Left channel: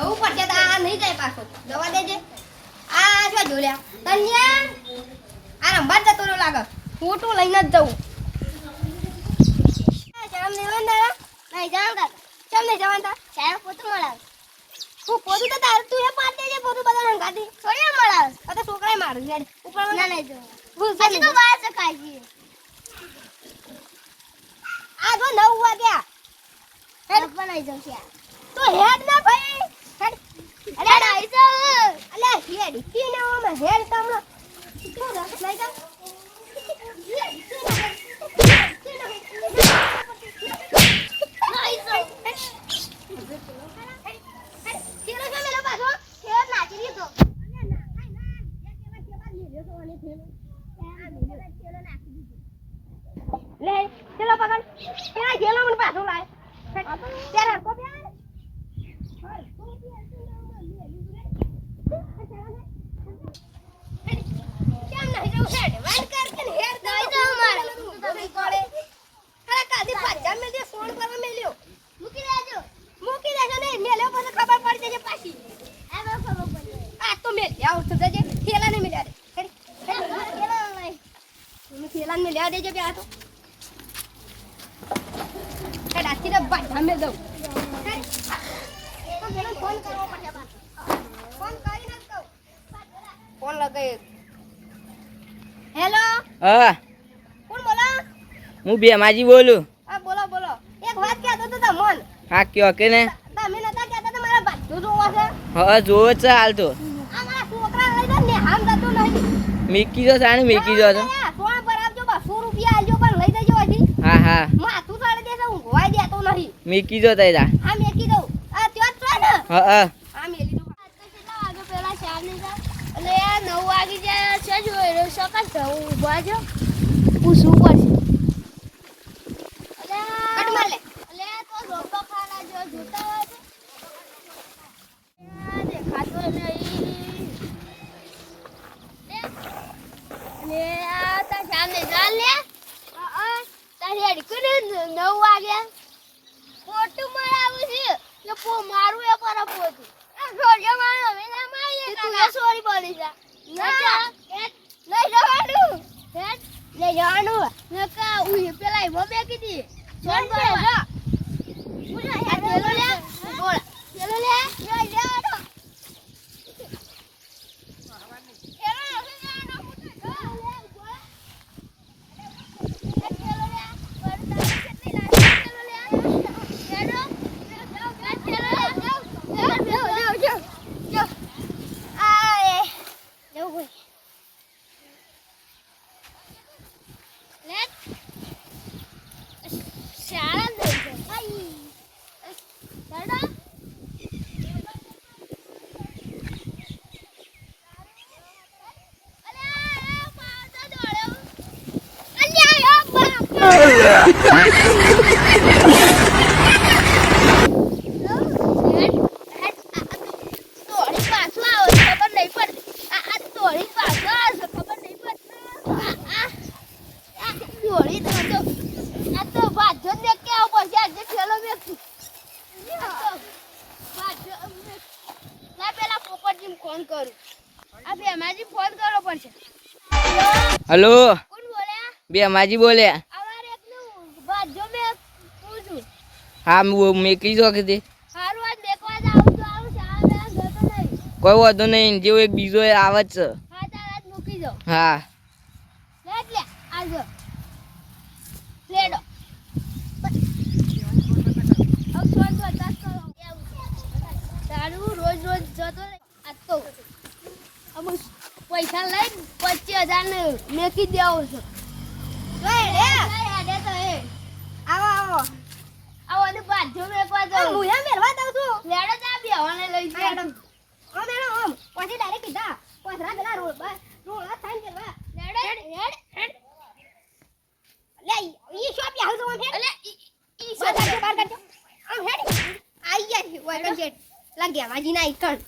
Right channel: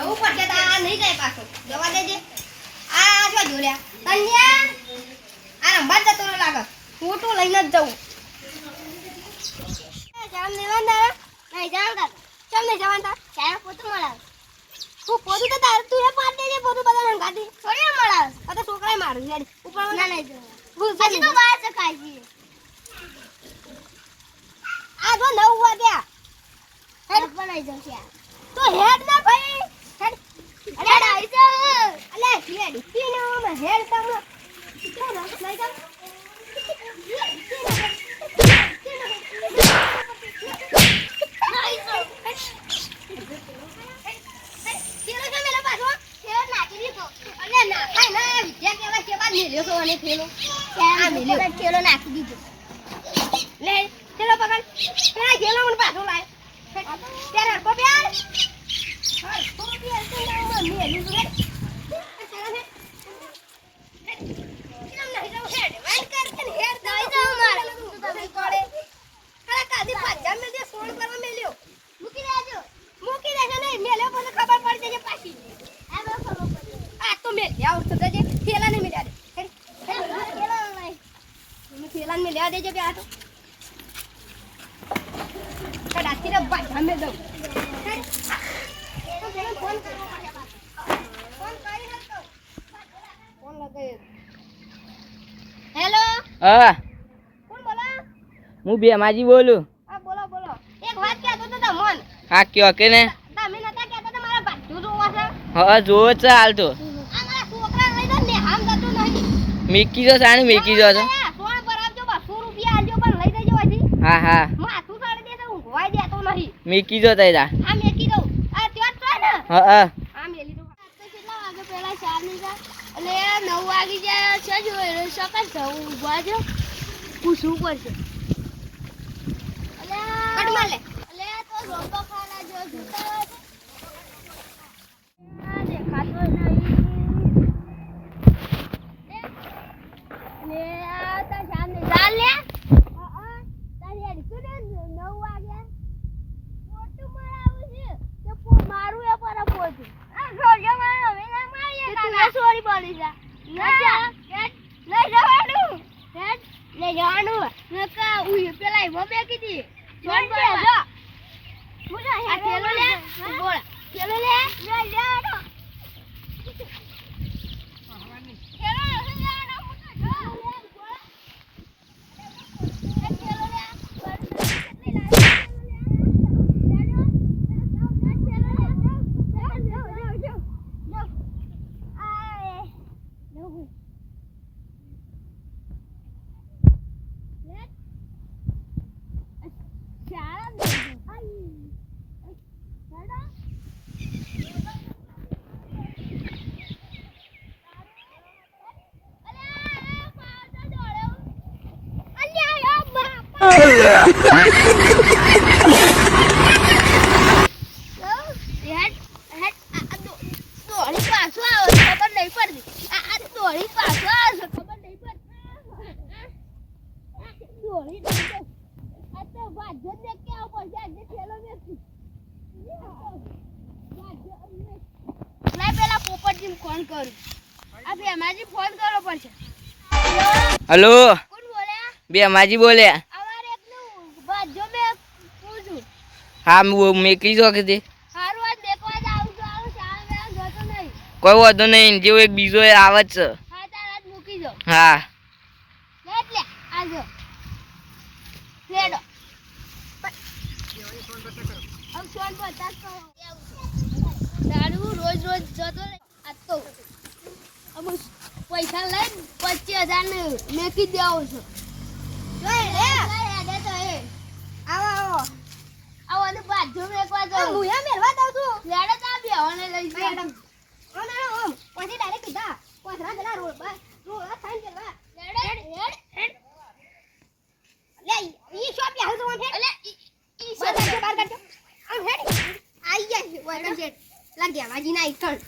જવું પડશે તો આ નહીં જાય પાછો જવા દેજે આ શું જોલ્યા કન્યા આ રંબા જતો ન લાગે ફોટો લઈને જ જવું શરમ દેવાન દાદા નહીં જાવ દાદા ચમ નહીં જવાનું તા તારા પોતું મળાવ હું પોતું તો તાર તું એ પાડ દેજે પોતું બધા રંગાતી થોડી મળાવ આ તો છોકરાએ મારું યાર ઉપર ના નહીં જવું હજી તો બહાર શકાય છે આ તો 9 વાગ્યા હેડ બનાઈ જઉં છે તો હેડ ના ભાઈ હેડ અલે આવી જાવ અલે હેડ પીને ઓમે હેડ તમને તો રસ લઈ જાવ લે ચલો પકડ પેલા ગેલો મને પાછો લાય ત્યારે હરકો પ્યાર હરકો પ્યાર તો ના મને લે કેમ નહીં જાવ હેડ વાન કર કે હેડ દઈ જાવ મારે તો દઈ પડે કલા કાદી પાછા મે જે ફોન કરવા મેલ્યો મૂકી દેજો ને મેલ્યો પછી ખબર પડી જશે પાછી આ બહુ ખબર પડી આ તો મે લે આઉટ થજે થેલા ને મેલ્યા દે થેલા ને મેલ્યા દેજે કે આ તો કડાકી ના બાધા મે દઉં તો પેલો ફોન કરવો પડે બા ફોન કરી નાખો ફોન લગાય હેલો હા કોણ બોલો હું બેમાજી બોલું હા બોલો એક વાત કહેતો તો તમને હા કયો કે ને તમે નતા કહેતા તો મારા બાજુ જોવા છે હા જોવો છે હાલ તો આ મારા છોકરા લઈ જાય ને હામ જતો નહીં મીકી જો સાણી મીકી જો છો સોણ ભરાવજો 200 રૂપિયા આલજો પણ લઈ જજો અહીંથી હા હા માથું સાડી દેશે હું ગોવાઈ દેતો નહીં મીકી જો તૈરા આ મેકી દઉં આ ત્યો જ છે ને હા હા આ મેલી દઉં આ તો કેટલા વાગે પેલા 4 ની જા એટલે 9 વાગી જાય છે જો એ સકાળ જાવ ઊભા છે પૂછવું પડશે કટ માર લે એટલે તો રોબો ખાના જો જોતા દેખાતો નહીં ને આ તા સામે ચાલ લે તારી અડી કરે 9 વાગ્યા ફોટો મરાવું છે કે પો મારું એ પર પોતું આ જોજો મારો હવે ના મારીએ કાકા સોરી પડી જા ના લઈ જવાનું લઈ જવાનું નકા ઉઈ પેલા ઈ મમે કીધી સોન પર જા બોલા આ પેલો લે બોલ પેલો લે જા જા ફોન કરું આ બેમાજી ફોન કરો પડશે હેલો કોણ બોલ્યા બેમાજી બોલ્યા અમારે એકલું બાજો મે પૂછું હા મેકી જો કે હારું આજ દેખવા જાઉં તો આવું સામે જતો નહીં કોઈ વાંધો નહીં જેવો એક બીજો આવે જ છે હા તાર આજ મૂકી દો હા લે આજો લેડો અબ ફોન તો દસ કરો તારું રોજ જતો આ તો અમુ પૈસા લઈ 25000 ને મેકી દેવો છો લે આડે તો એ આવો ને બાજુ મેકવા દો હું એ મેરવા દઉં છું લેડો તા બેવાને લઈ જાય ઓ મેડમ પછી ડાયરેક્ટ કીધા પોસરા પેલા રોડ થાન દેવા લેડો હેડ લે ઈ શોપ યાર તો એટલે ઈ શોપ બાર કાઢો આમ હેડ આઈ ગયા ઓય કન લાગ્યા માજી ના ઈથણ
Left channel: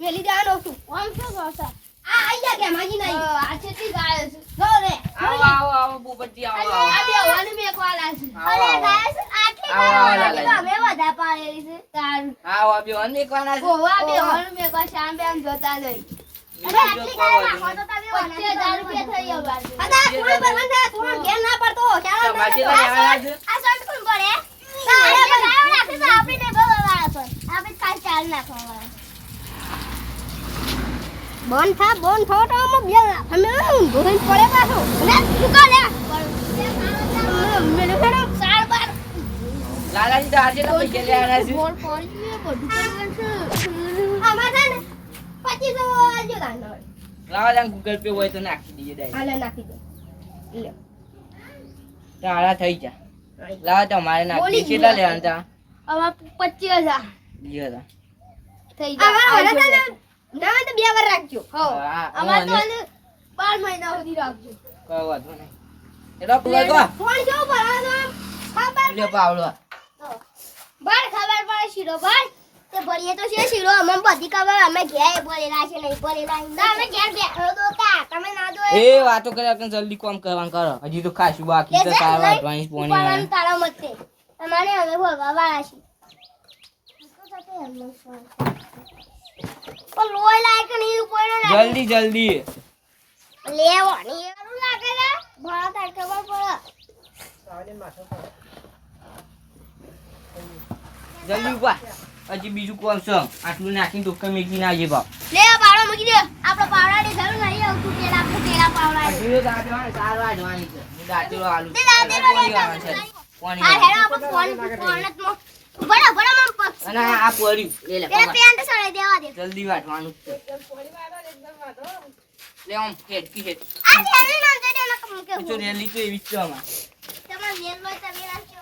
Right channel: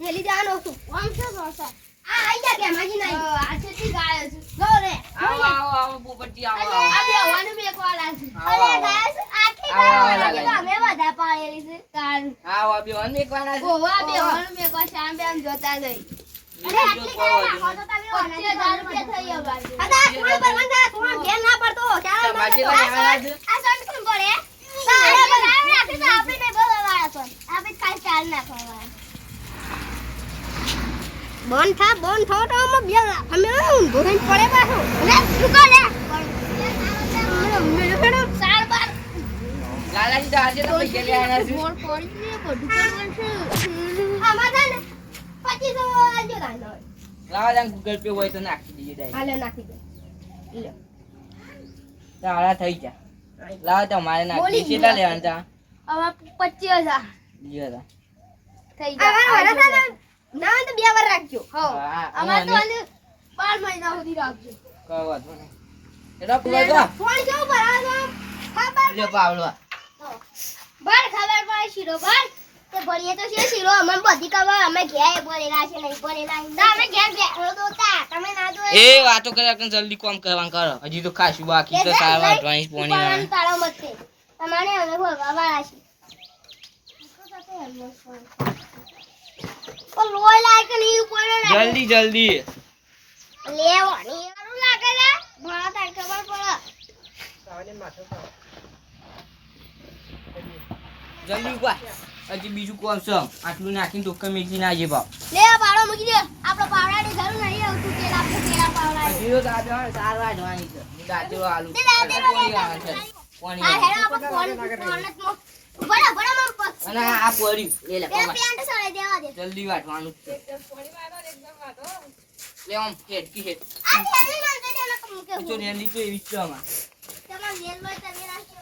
મેલી દેવાનો છું ઓમ છે સોસા આ આઈ ગયા કે માજી ના આ છેતી ગાય છે જો રે આવો પોપટજી આવો આ બેવાને મેકવા લાગી અરે ગાય આટલી અમે બધા પાળેલી છે તારું આવો આ બેહન મેકવાના છે ઓવા બે હોલ મે કો શામ બે આમ જોતા નહીં અરે આટલી કાય નાખો તો તમે 25000 રૂપિયા થઈ ગયા બાજુ અદા થોડી બગન દે થોડો ઘેર ના પડતો ચાલો તમારે લેવાના છે આ સંત કોણ પડે અરે ગાવ નાખી તો આપણે ને બગાડવા તો આપણે કાલ ચાલ નાખવા બોન થા તો આમાં બે અમે ભોન પડે પાછો અરે સુકા લે મેરે ફેડો 4 લાલાજી તો આજે તો પૈસા લેવાના છે બોલ પડી બધું કરવાનું છે આમાં છે ને 2500 આજો દાનો લાવા જાન ગૂગલ પે હોય તો નાખી દઈએ ડાય હાલે નાખી દે લે તારા થઈ જા લાવા તમારે નાખી કેટલા લેવાના તા આમાં 25000 લીધા થઈ જાય હવે ના તો 2 વાર રાખજો હો આમાં તો 12 મહિના સુધી રાખજો કોઈ વાંધો નહીં એલો પૂરો ગો ફોન કેવું ભરાવો ખબર લે પાવલો બાર ખબર પડે શીરો બાર તે ભરીએ તો છે શીરો અમને બધી ખબર અમે ઘેર બોલેલા છે નહીં બોલેલા ના અમે ઘેર બેઠો તો તા તમે ના દો એ વાતો કરે કે જલ્દી કામ કરવાનું કરો હજી તો ખાસું બાકી તો સારા ડ્રોઈંગ પોણી તારા મતે તમારે અમે બોલવા વાળા છે ઓ લોય લાયક નહીં કોઈને ના જલ્દી લેવાની એવું લાગે છે મારા તાર ખબર પડે જલ્દી ઉભા હજી બીજું કોમ છે આટલું નાખીને ટોકર મેકી ના જે ભાવ લે પાવડા મૂકી દે આપણો પાવડાની જરૂર નહીં આવતું તેલા પાવડા બીજો દાદો સારવા જવાની છે હું દાદો આલુ તે દાદો પાણી આ હેડો આપણે ફોન જ બડા બડા મમ પક્ષ અને આ પોરી લે લે પેલા પેન્ટ સળે દેવા દે જલ્દી વાટવાનું લે આમ હેડકી હેડ આ હેડો નામ દે દેના કમ કે તો રેલી તો એવી જ છે આમાં તમાર નેલ માં તમે રાખજો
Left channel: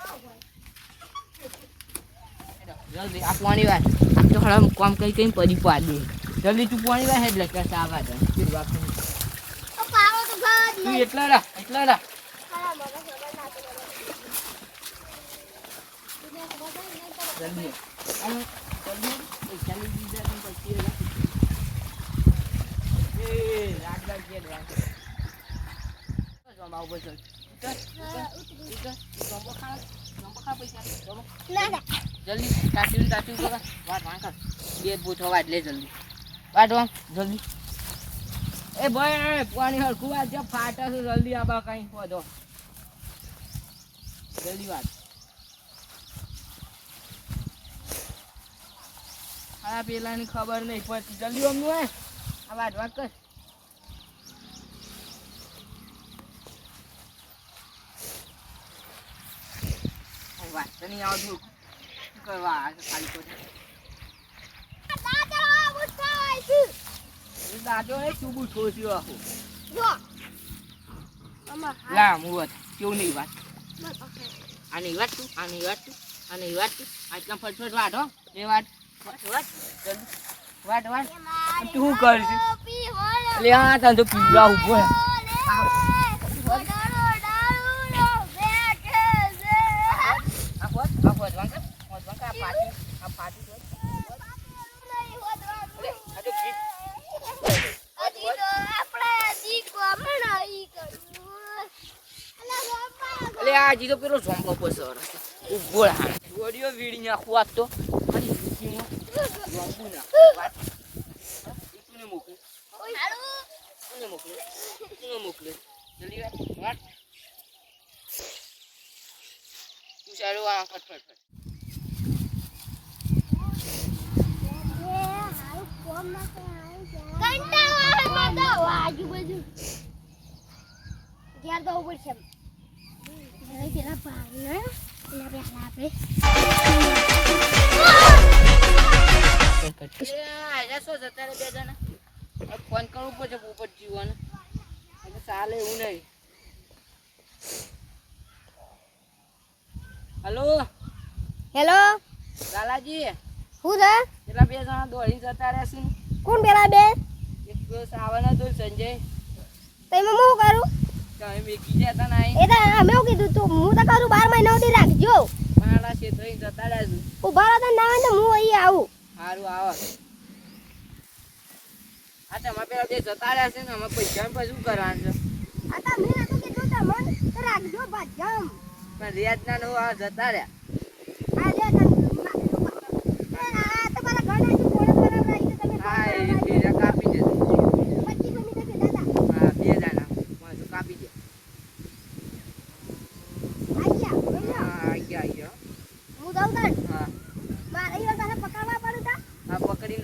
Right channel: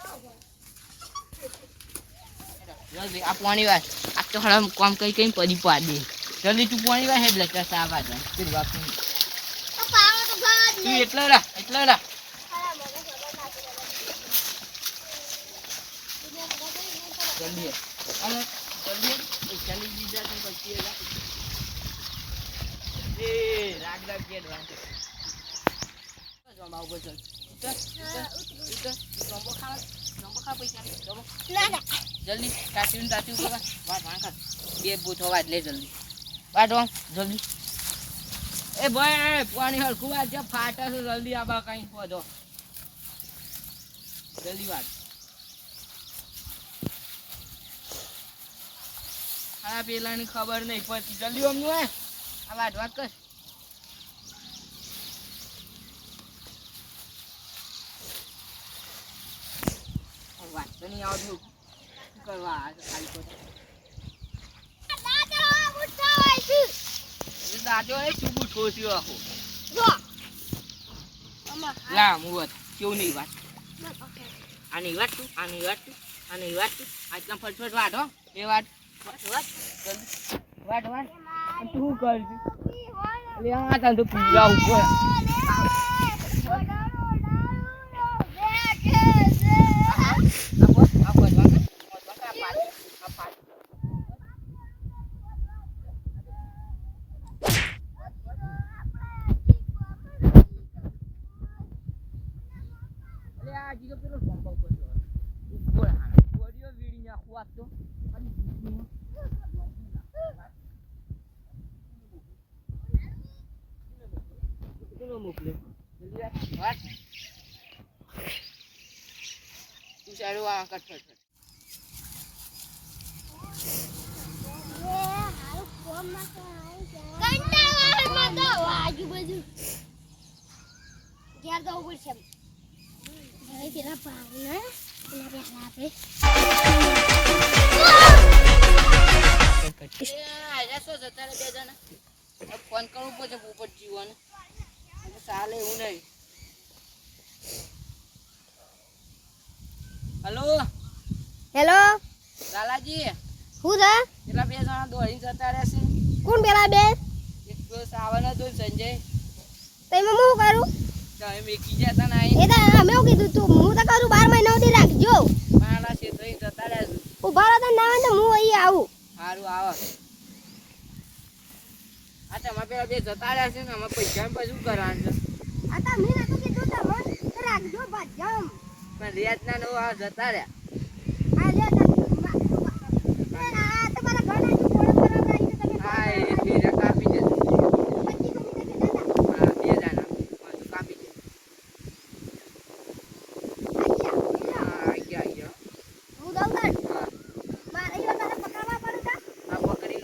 જલ્દી આ પાણી વાટ આ તો હળમ કામ કઈ પડી પાડે જલ્દી તું પાણી વાટ હેડ લે સાવા દે ફિર વાત તો પાવડો તો ગાવ જ તું નહીં એટલા રા ખાલા જલ્દી આમ જલ્દી પૈસા લઈ દીધા તું પછી એ રાગ કે દવા જમા ઉપર ચલ ઉતર જમો ખા પૈસા જમો ના ના જલ્દી તાતું કરવા વાટ વાંકા બે બૂથો વાટ લે જલ્દી વાટ વાંક જલ્દી એ ભાઈ પાણી હરખું વાટ જે ફાટા છે જલ્દી આબા કઈ વધો જલ્દી વાટ આ પેલાની ખબર નહીં પછી જલ્દી અમનું હે આ વાટ વાટ કર વાત તો નહીં આવતું શું કરવા આ ખાલી તો દાદા ઉઠાય છે દાદો એ ચૂબુ ઠોસ્યો આખો જો અમાર લા મુવત કેવું નહીં વાત આની વાત તું આની વાત આજના ફટફટ વાટ હો એ વાટ વાટ તું શું કરશે લે આ તને તો પીવા ઉપર હજી તો પેલો ઝોમ્પો પસર ઉભો હા ઓડિયો વીડી નાખું આજ તો મારી જિંદગીમાં ઝોમ્પું ના વાત તું મોકલે જલ્દી વાત તું સારું આ ફટ ઘેર તો ઉપર છે હવે પેલા ભાવના એના પહેલા આપણે ફોન કરવું પડશે પોપટ જીવન ચાલે એવું નહીં હલો હેલો લાલાજી હું છે પેલા બે જણા દોડીને જતા રહેશે કોણ પેલા બે એક સાવન હતો સંજય તમે હું કરું તમે મેકી જતા ના એ તો અમે શું કીધું તું હું તો કરું 12 મહિના સુધી રાખજો મારા ક્ષેત્રે જતા રહેશું ઉભા રહો તો ના હોય ને હું અહીં આવું સારું આવો આ તમારે પેલા બે જતા રહ્યા છે ને અમે પૈસા પછી શું કરવાનું છે આ તો મેં નતું કીધું તમને તો રાખજો ભાજમ પણ રેત ના નો જતા રહ્યા આ લે રાખજો આ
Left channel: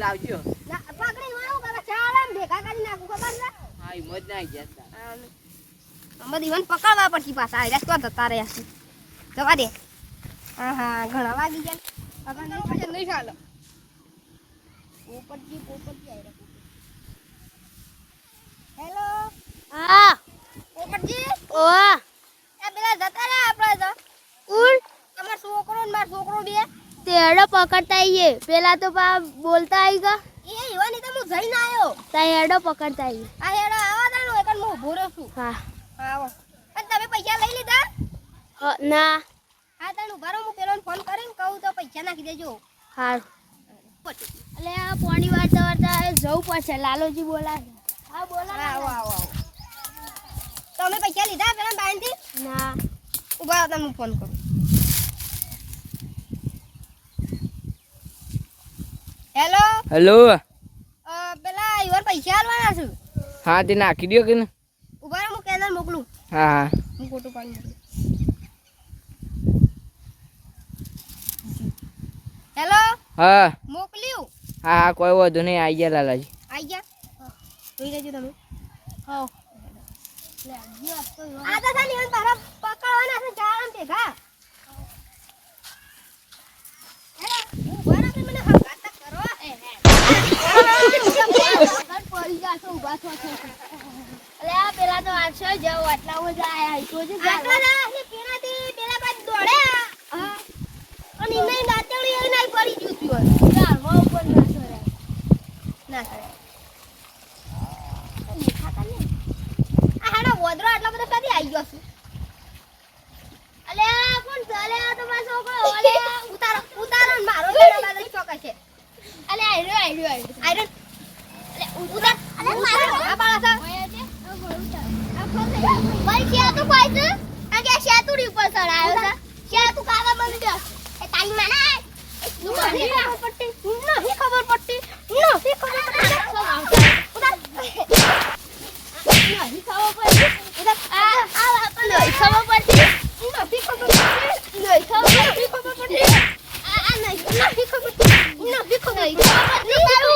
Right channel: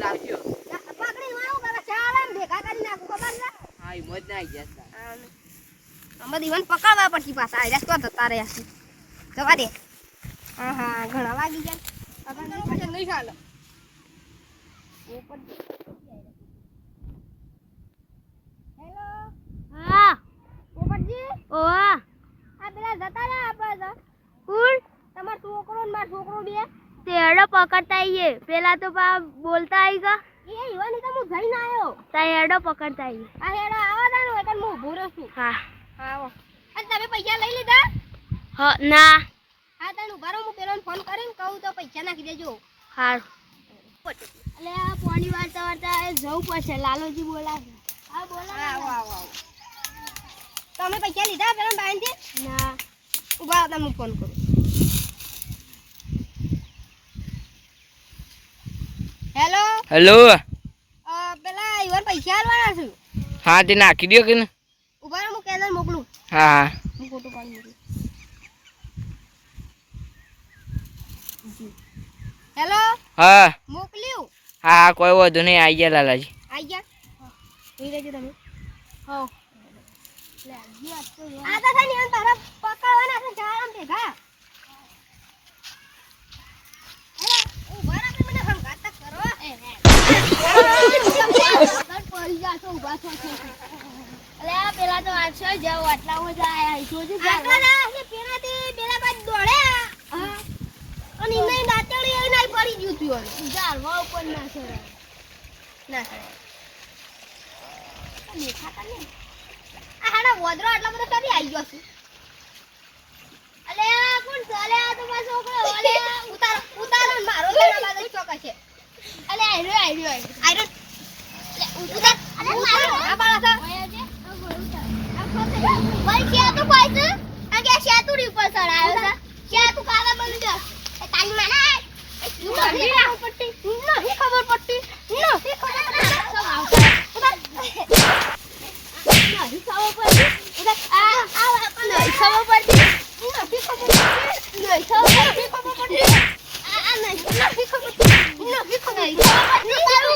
આવજો. પકડી વાળો કરે શાળા ભેગા કરી નાખું ખબર છે હા ઈ મોજ ના આવી ગયા. અમે દીવાન પકડવા પડતી પાછા આ રસ્તો જતા રહ્યા છે જવા દે હા ઘણા વાગી ગયા પકડ નહીં ચાલો હેલો હા પોપટજી ઓવા આ પેલા જતા રહ્યા આપણે તો કુલ તમાર છોકરો ને માર છોકરો બે તેડો પકડતા આઈએ પેલા તો બોલતા આઈ ગયા એ ઈવાની તો હું જઈને આયો તા હેડો પકડતા આઈએ આ હેડો આવો તાનો એકન હું ઊભો રહું છું હા આવો અને તમે પૈસા લઈ લીધા હા ના હા તાનું ભરો હું પેલો ફોન કરીને કહું તો પૈસા નાખી દેજો હાર એટલે આ પોણી વાળતા વાળતા જવું પડશે લાલોજી બોલાવે હા બોલાવે આવો આવો આવો તમે પૈસા લીધા પેલા બાંધી ના ઉભા હતા હું ફોન કરું હેલો હેલો. પેલા ઈવન પૈસા આલવાના છું હા તે નાખી દો કે ને. ઉભા રહો હું કેનલ મોકલું હા હા હું ફોટો પાડી મોકલું હેલો હા મોકલ્યું હા હા કોઈ વાંધો નહીં આવી ગયા લાલાજી. આઈ ગયા જોઈ લેજો તમે હો લે આ તો છે ને ઈવન તારા પકડવાના છે જામ ભેગા હેલો ઉભા રહો મને વાત કરો પડી જાતો ઉભા થો છે અલે આ પેલા તો આવશે જાવ આટલા હો જાય તો જ આટલા ના એટલે પેલાથી પેલા બાદ દોડે અને નહીં નાચણી એ નહીં પડી ગયું તું યાર હો ઉપર ના સરે ના સરે આ ખાતા ને આ હાડા વોદરો આટલા બધા કદી આવી ગયો છે અલે કોણ ચાલે આ તો મારો છોકરો અલે ઉતારો ને મારો તેના બાદ ચોક છે અલે આઈરો લે ઉતાર અલે મારો આ બાળા ભાઈ છે તો કોઈ છે આ કે શેતુડી ઉપર ચડાયો છે કે તું કાવા બની ગયો એ તારી મને નહીં ખબર પડતી નહીં ખબર પડતી નહીં ખબર પડતી ઉતાર નહીં ખબર પડતી ઉતાર આ નહીં ખબર પડતી નથી ખબર પડતી નહીં ખબર પડતી આ નહીં ખબર પડતી નથી ખબર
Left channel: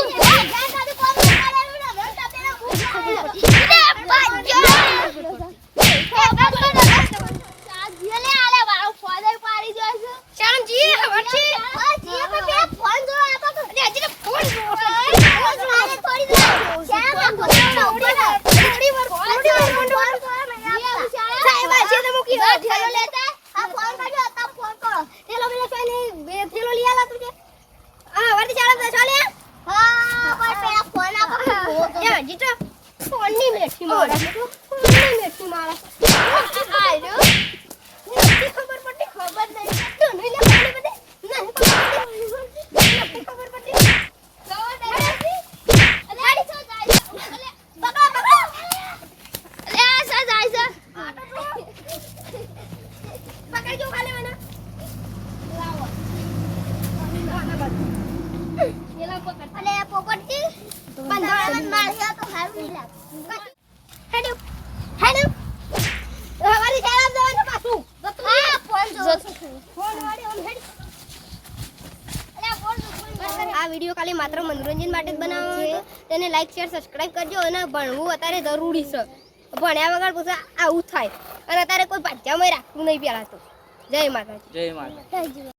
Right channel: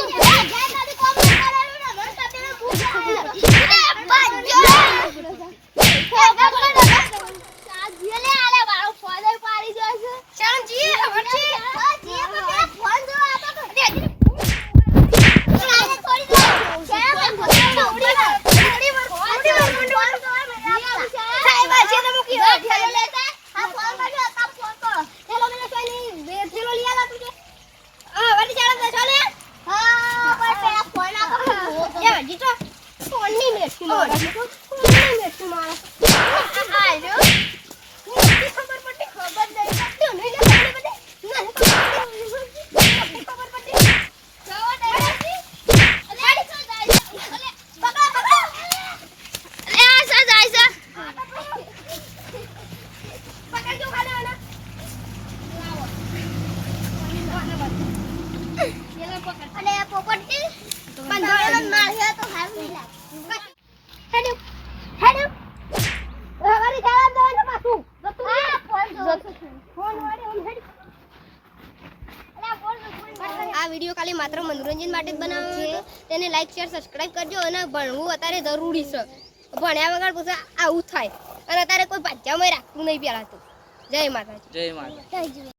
આ વિડિયો ખાલી માત્ર મનોરંજન માટે જ બનાવ્યો હતો તેને લાઈક શેર સબસ્ક્રાઇબ કરજો અને ભણવું અત્યારે જરૂરી છે ભણ્યા વગર પછી આવું થાય અને અત્યારે કોઈ પાછામાં રાખવું નહીં પેલા તો જય માતાજી જય માતા.